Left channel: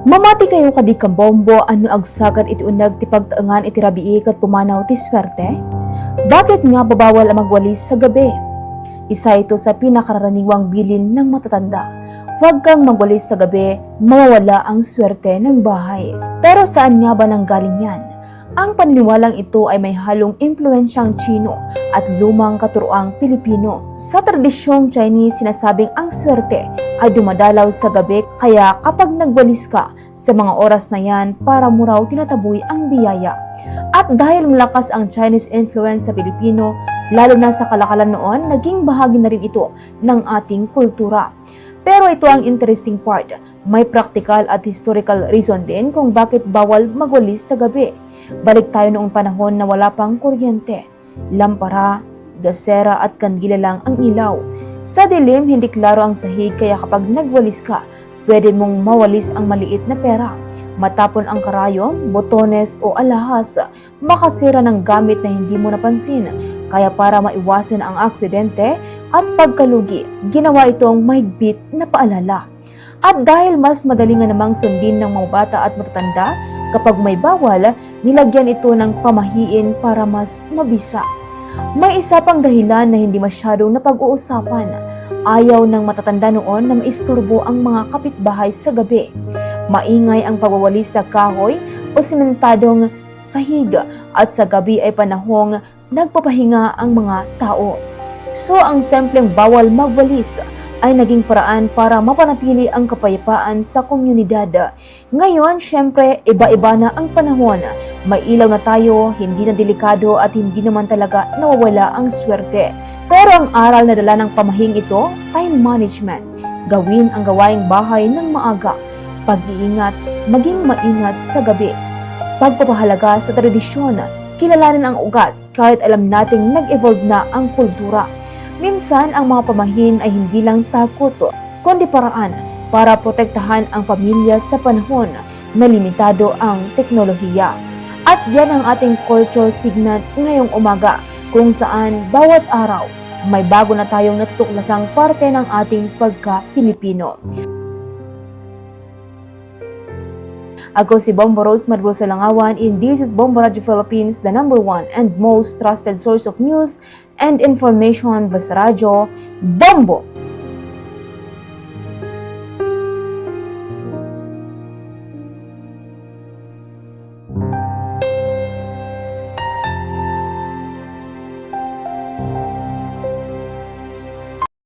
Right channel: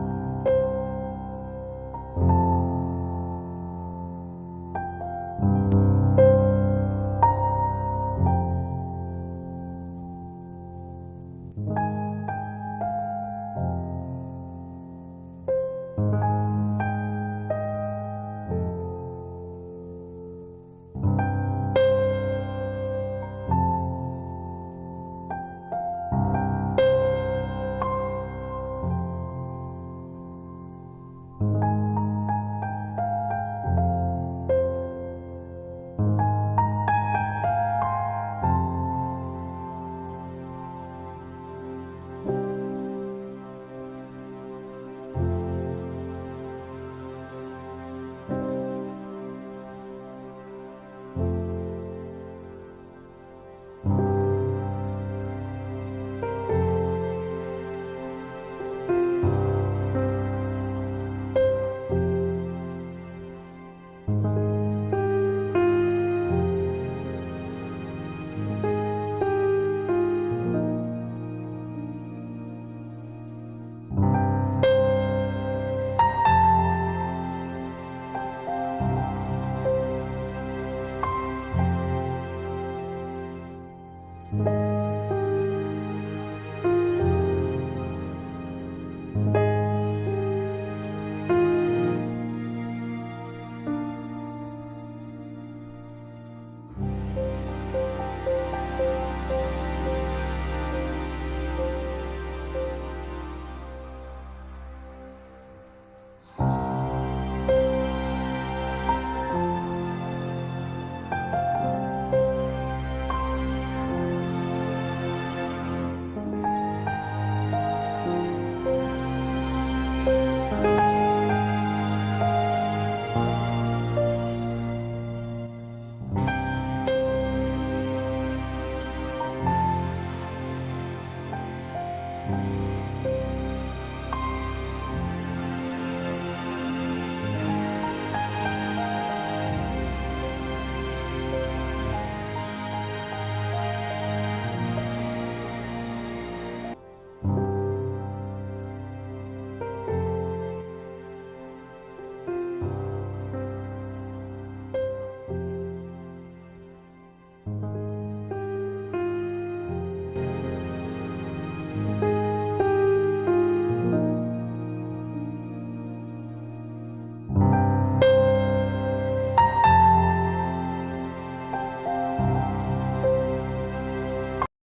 Mamati kayo kadi kabombo ano agsagan iti unag ti pagtaengan iti rabii ket pumanaw ti swerte? Bakit nga babawal ang magwalis sa gabi? Isa ito sa pinakaraniwang bilin ng matatanda. Huwag kang magwalis sa gabi, mawawala ang swerte ng bahay. Pero saan nga ba nanggaling yan? Ang paniniwalang ito ay may halong impluensyang Tsino at lumang katuroang Pilipino. Sa tradisyong Chinese, sinasabing ang swerte ay dumadalaw sa gabi, kaya kapag nagwalis ka sa mga oras na yan, para mo raw tinataboy ang biyaya. At dahil malakas ang Chinese influence sa Pilipino, lalo na sa kalakalan noon, naging bahagi na rin ito ng ating kultura. Pero ito ang interesting part, may practical at historical reason din kung bakit bawal magwalis sa gabi. Balik tayo noong panahon na wala pang kuryente, lampara, gasera at kandila lang ang ilaw. Sa dilim, hindi klaro ang sahig, kaya kapag nagwalis ka, pwede mong mawalis ang maliit na pera. Matapon ang karayom, botones o alahas, makasira ng gamit na hindi mo napansin. Kaya para maiwasan ang aksidente at pagkalugi, ginawa itong mahigpit na paalala. At dahil mas madali nga namang sundin ng mga bata at matatanda, kapag may bawal, nilagyan ito ng pamahiin para mas mabisa. May isa pang dahilan na hindi masyadong napag-uusapan. Ayaw ng matatanda noon na maisturbo ang mga kapitbahay sa gabi. Maingay ang pagwawalis sa kahoy o simentadong sahig, at sa gabi ay panahong nagpapahinga ang mga tao. So ang simpleng bawal magwalis ay naging paraan para mapanatili ang kapayapaan sa komunidad. Ngayon, syempre, iba-iba na ang panahon. May ilaw na tayo, hindi na delikado at hindi naman talaga nawawala ang swerte. Pero ang aral na dala ng pamahing ito, time management. Gawin ang gawaing bahay ng maaga. Pag-iingat, maging maingat sa gabi. Pagpapahalaga sa tradisyon, kilalanin ang ugat kahit alam nating nag-evolve na ang kultura. Minsan, ang mga pamahin ay hindi lang takot, kundi paraan para protektahan ang pamilya sa panahon na limitado ang teknolohiya. At yan ang ating culture signal ngayong umaga, kung saan bawat araw may bago na tayong natutuklasang parte ng ating pagka-Pilipino. Ako si Bombo Rose Madrosa Langawan, and this is Bombo Radio Philippines, the #1 and most trusted source of news and information. Basta Radyo, Bombo!